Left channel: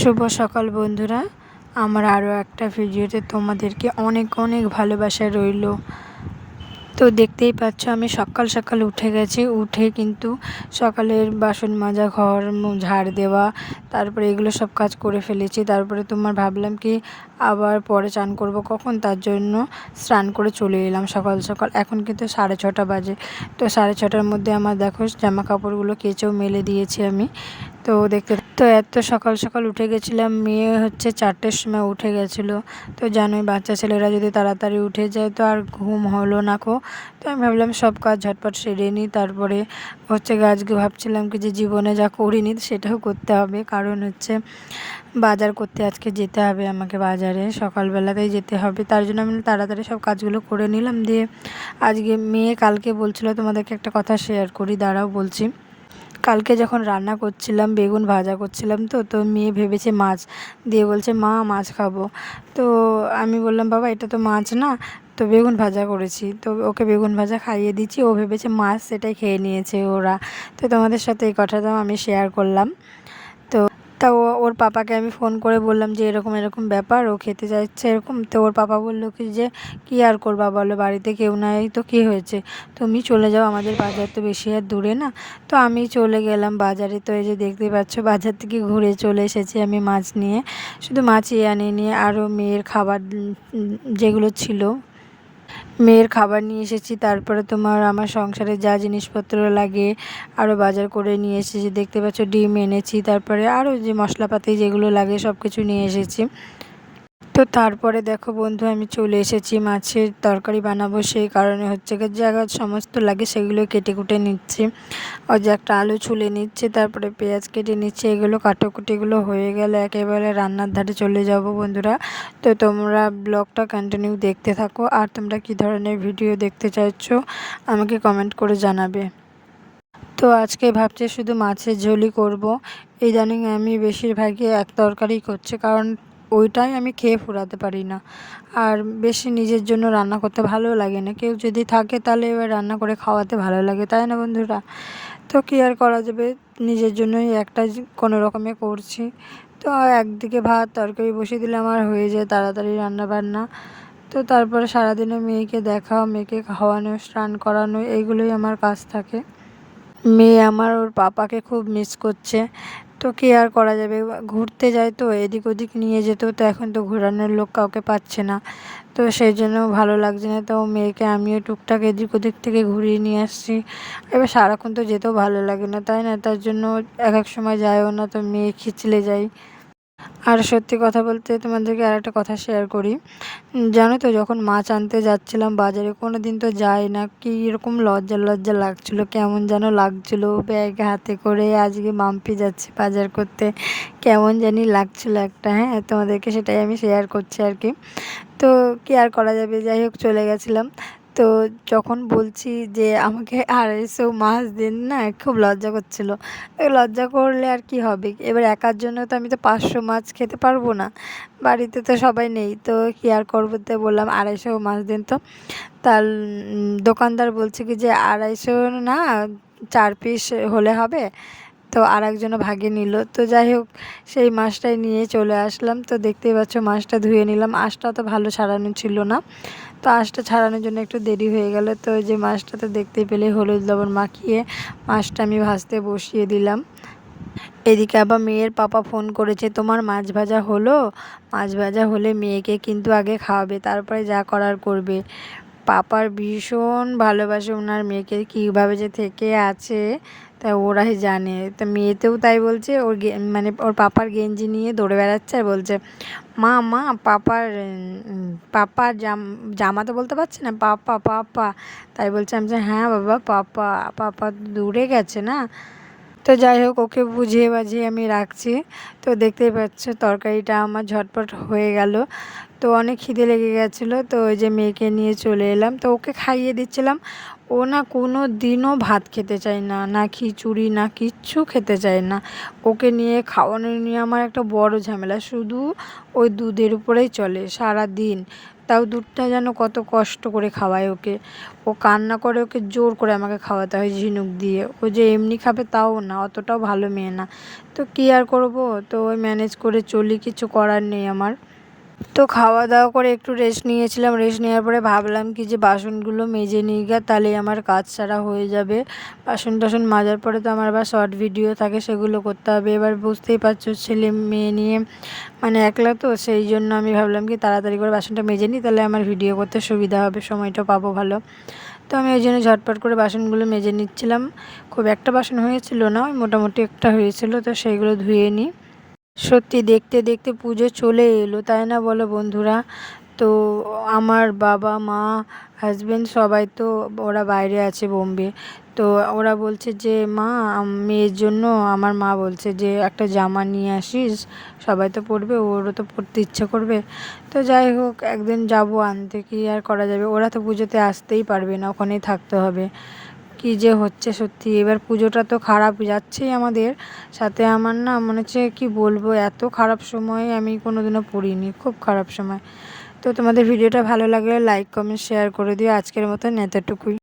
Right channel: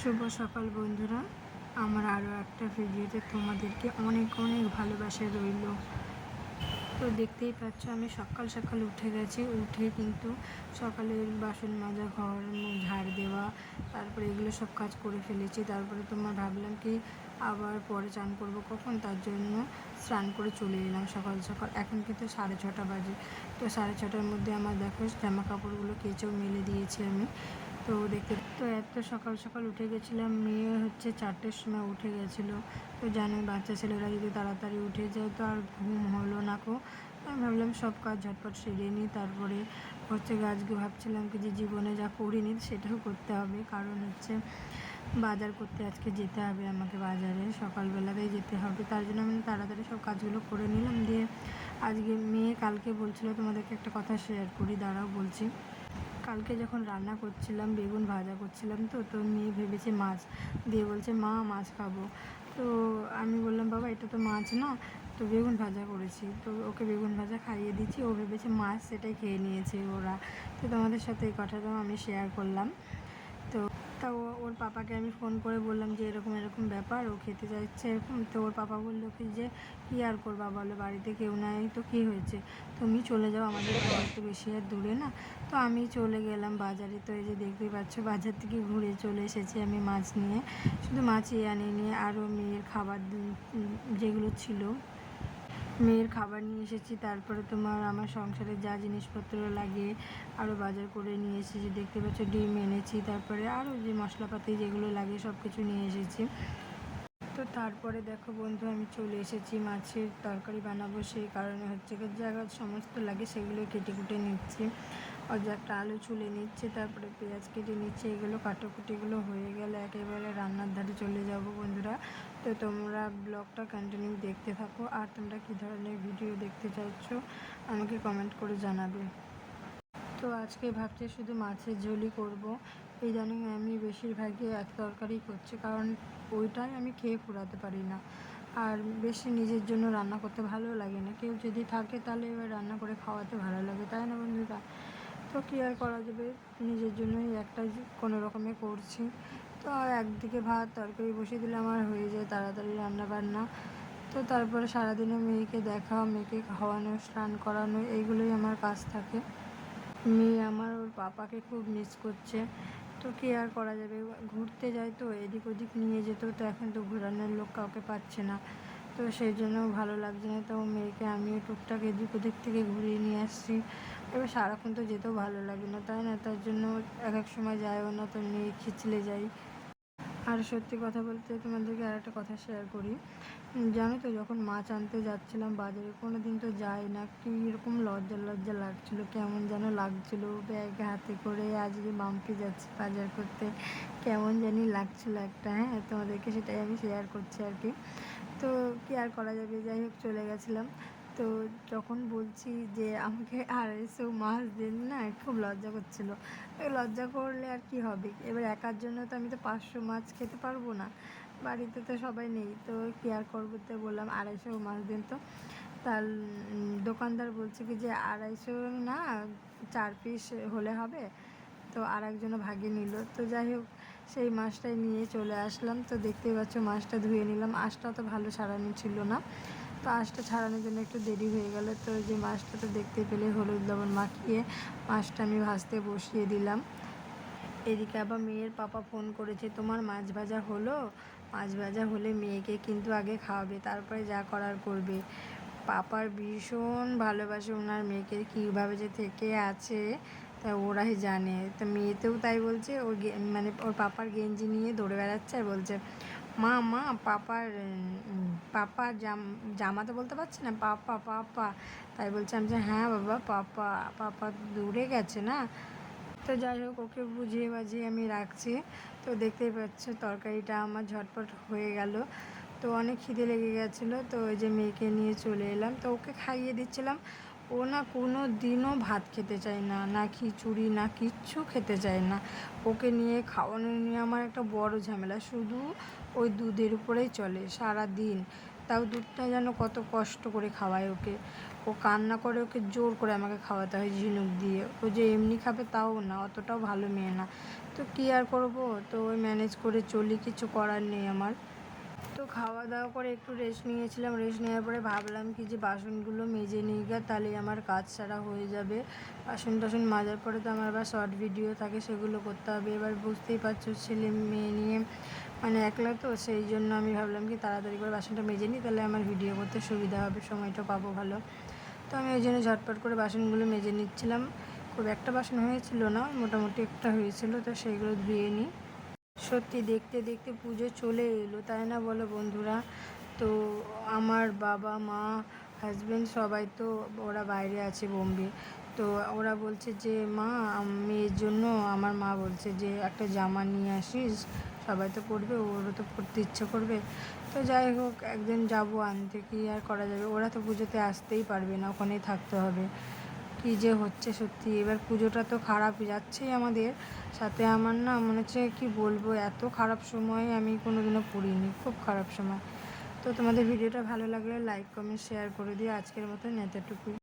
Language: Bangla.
শুভ সকাল বন্ধুরা। আমার আরও একটা ভিডিওতে তোমাদেরকে অনেক অনেক ভালোবাসা রইল। তো দেখতেই পাচ্ছ, আমি সকাল সকাল উঠে গেছি। উঠে কিন্তু সকালের বাসন মাজা, ঘর, ঝাড় দেওয়া, তারপরে এগুলো সব কাজ করে ফেলেছি। তারপরে তোমার ভাবলাম কি আবার পরে চান করব কখন? তার জন্য স্নান করে চলে এলাম সকাল সকাল। এখন কিন্তু সাড়ে ছটা বাজে। তো সাড়ে ছটার মধ্যে আমার দেখো জামা কাপড়গুলো কেচেও মেলে দিয়েছি আমি। তো দেখতে তো এত সকাল সকাল উঠে গেছিলাম। মেয়ে হচ্ছে চারটের সময় উঠে গেছিল। তো জানোই বাচ্চা ছেলেরা যদি তাড়াতাড়ি উঠে যায় তো আর ঘুম হলো না কো। তো আমি ভাবলাম সব কাজ ঝটপট সেরে নিই। তারপরে হচ্ছে আজকে ভাবছিলাম কি যে জীবনে যা করিনি সেটাও করতে হবে। কারণ হচ্ছে বাজার করতে আজকে যেতে হবে, আমাকে বাজারে সকালবেলাতেই যেতে হবে। তার জন্য আমি তাড়াতাড়ি সব কাজগুলো করে নিলাম দিয়ে আজকে মেয়ে কালকে বলছিল তোমাদেরকে একটা কথা শেয়ার করি, দাঁড়াও বলছি। কালকে যখন রান্না করছিলাম, বেগুন ভাজা করছিলাম তো তো মেয়ে ভেবেছে মাছ দিয়ে বলছে, মা, মাছ খাব। তো আমি বললাম, বাবা, এটা তো মাছ না, তো বেগুন ভাজা করেছি। তো ওকে বেগুন ভাজা খাইয়ে দিচ্ছি, ও ভেবেছে মাছ সেটাই খেয়ে নিয়েছে ওরা। তো তোমাদের সাথে এই কথাটাও আমি শেয়ার করলাম। তো ওর পাপাকে আমি ফোন করে বললাম যে এরকম এরকম ব্যাপার, ও খেতে চাইছে এরকম। তো ওর পাপা বলল কি যে, কী আর করবা বলো, বাড়িতে কেউ নাই তো কী হয়েছে? তুমি চলে যাও, আমাদের বাজার তো বেশি আর দূরে না। তো আমি চলে গেলাম বাজারে। তো এই যে দেখতে পাচ্ছ, বাজার থেকে ঘুরে চলে এসেছি আমি মাছ নিয়ে। শুধু মাছই নিয়ে আরও মেয়ের খাবার যেগুলো ছিল। মেয়ের খাবার নিয়ে এসেছি, তারপরে তোমার আমার সংসারে যা জিনিসপত্র লাগে আরও বাজার করে নিয়ে এসেছি। দেখতে পাচ্ছ, ডিম এনেছি, তারপরে আরও যে মশলাপাতি যেগুলো লাগে সব কিছু নিয়ে এসেছি। তো তারপরে দেখো বন্ধু, আমি চলে এসেছি মাছের তরকারি বানাবো। সেই কারণে হচ্ছে যা সমস্ত লাগে সেগুলো কেটে কুটে নিচ্ছি। ওই যে একটা আলু ছুলে নিচ্ছে, তারপরে পেঁয়াজ কেটে নিচ্ছে, এগুলো কাটাকুটিগুলো হয়ে গেলে একেবারে রান্নার ধারে চলে যাব বন্ধুরা। তো তোমরা ব্লগটা কন্টিনিউ দেখতে থাকো। আর তোমরা কী ধরনের ভিডিও দেখতে চাইছো আমাকে কমেন্ট করে জানাবে। তো আজকে ভাবছি শুধু মাছের ঝোলই করব। ইদানিং আমি বেশিরভাগই এক তরকারি করছি, কারণ ওইটাই আমি খেয়ে ফুরাতে পারি না। আর বেশি নিজের জন্য রান্না করতে ভালো লাগে না। কেউ যদি থাকে তাহলে এবার রান্না করে খাওয়াতে ভালো লাগে, তাই না বন্ধুরা? তো কী আর করা যাবে? নিজের জন্যই একটা কোনো রকমে করছি। তো একদিকে ভাত, তরকারি বসিয়ে দিলে আমার হয়ে যায় তাড়াতাড়ি রান্না বান্না তো তারপরে সারাদিনে মেয়েকে দেখা মেয়েকে খাওয়ানো, স্নান করানো, এইগুলোই আমার কাজ থাকে। মেয়ে আমার ওর পাপাকে খুব মিস করছে। তো কী আর করা যাবে? ঘুরতে যায় তো, এদিক ওদিক নিয়ে যেত, তো এখন তো ঘোরানোর লোক কাউকে পাচ্ছে না। তো সেই জন্য ভালো লাগছে না, তো মেয়েকে আমিও টুকটাক এদিক ওদিক থেকে ঘুরিয়ে নিয়ে আসছি। এবার সারাক্ষণ তো যেতেও ভালো লাগে না, তাই না? তার জন্য এক এক সময় যায়ও না, তো মেয়ে খিচলে যায় আর সত্যি কথা বলতে তোমাদেরকে আর একটা কথা শেয়ার করি। জানো তো যখন মাছ আনতে যাচ্ছিলাম বাজারে কোনো দিন তো যাই না, কি এরকম লজ্জা লজ্জা লাগছিল, কেমন যেন লাগছিল ব্যাগ হাতে করে, আজকে মাম্পি যাচ্ছে বাজার করতে, কেমন জানি লাগছিল একটা হ্যাঁ? তোমাদেরকে সেটাই আমি শেয়ার করছি আর কি। তো কি আর করা যাবে? যাই হোক, চলে গেছিলাম। তো যখন বলছি যে আমাকে আড়াইশো মাছ দিন না, খুব লজ্জা করছিল। লজ্জা করলে আর কি হবে? এবার একার জন্য তো আমি তো পাঁচশো মাছ খেতে পারব না। বাড়িতে তো সবাই নেই, তো কি আর করব তো বললাম, আড়াইশো মাছ দিন তো। তার দোকানদার বলছে কি যে, আড়াইশো না, চার পিস হলে হবে। তো আর একজনও ভাগে নিল। তো যাই হোক, সেই মাছটাই নিয়ে চলে আসলাম। তো দেখতেই পাচ্ছ মাছটা ধুয়ে নিলাম। আঁশটা তো ভালো ছাড়ানো ছিল না। তো আঁশটা ছাড়ানোর জন্য একটু দেরি হয়ে গেল। তো যে মাছটা তো দেখতে পেলে হলুদ লবণ মাখিয়ে মাছটা আমি ভাজতে বসিয়ে দিলাম। এদিকে আবার মেয়ের পাপা ফোন করেছে, তোমার মাছ ভাজা হলো? মাছ ভাজা হলে মেয়েকে কিন্তু আগে খাওয়াবে, তারপরে যা করার করবে। পাপার ভীষণ ভালোবাসে ওনার মেয়েকে, কীভাবে যে থেকে আছে। তা ওরাই জানে। তা মেয়েতেও তাই বলছে, ওর মানে ওর পাপার গেঞ্জি নিয়ে দৌড়ে বেড়াচ্ছে আর বলছে, মা মা, পাপার পাপার জাম, জামা তো বলতে পারছে না, পাপা পাপা। তাই বলছে, আমি হ্যাঁ বাবা, পাপা পাপা দূরে গেছে না? তো যাই হোক, ওকে বুঝিয়ে বাজিয়ে আমি রাখছি। তো দেখতেই পাচ্ছ, তরকারিটা আমার ঝটপট হয়ে গেল। তো অনেক খিদে লেগে গেছিল, তো ওই যে মেয়েকে নিয়ে চলে এলাম। তো ওকে খাইয়ে দিচ্ছিলাম। ও না কোনো দিনও ভাত খেতে চায় না না খিচুড়ি, না কিচ্ছু খেতে চায় না। ওকে নিয়ে খাওয়ানো নিয়ে আমার একটা বড় ঝামেলা। শুধু ওই দুধের উপরেই চলে সারা দিন তাও দুধটা যেন কত কষ্ট করে খাওয়ায় ওকে। ও কান্না করে ওকে জোর করে আমাকে খাওয়াতে হয় ঝিনুক দিয়ে। ও যে এমনি খাবে তাও না, অতটাও ভালো মেয়ে না। তো কী আর করব? তো ওই ম্যানেজ করে চলি, কিছু করার নেই আমার। তো খাওয়া দাওয়া করে একটু রেস্ট নিয়েছিলাম। রেস্ট নেওয়ার পরে ভাবলাম কি যে বাসনগুলো মেজে নিই গা তাহলে আমার কাজ সারা হয়ে যাবে। বাসন টাসন মাজার পরে তো আমার আবার শর্ট ভিডিও থাকে, সেগুলো করতে হবে। এবার বুঝতেই পারছ ছেলে মেয়ে নিয়ে মানে একলা তো, সেই জন্য আমি ভাবলাম কি তাড়াতাড়ি করে বাসনটা মেজে নিই, তাহলে আমার ভিডিও করতে সুবিধা হবে, সময়টা পাবো ভালো। তো আমি ওই জন্য ঝটপট করে বাসনগুলো মেজে নিচ্ছিলাম। খুব একটা বাসন হয়েছিল না, মোটামুটি একটা হয়েছিল, তো সেইগুলো ধুয়ে নিই। সত্যি দেখতে দেখতে পুজো চলে এলো, তাই না বলো বন্ধুরা? তো আমার বাবা, মা হাজব্যান্ড সবাই তো ওরা বাইরে আছে বোম্বে। তো ওরা বলছে যে, মা মেয়ের জন্য আমার মা বলছে যে, একটা জামা নিয়ে আসিস, সবাই তো পরবে, ওরও তো পড়তে ইচ্ছে করবে। তো যাই হোক, একদিন যাব আনতে, কি আর করা যাবে? ওরা তো পুজোতে আসতেই পারবে না, ওখানেই থাকতে হবে। কি যে হচ্ছে সত্যি। এবার পুজোটা তো খারাপ যাচ্ছেই আমাদের। সাথে আমার না মনে হচ্ছে কি বলব, এত খারাপ সময়ে আমি কোনোদিনও পড়িনি, খুব খারাপ সময়। তো তোমাদের ভিডিওটা ভালো লাগলে লাইক কমেন্ট শেয়ার করে দিও। আজকের মতন এতটুকুই।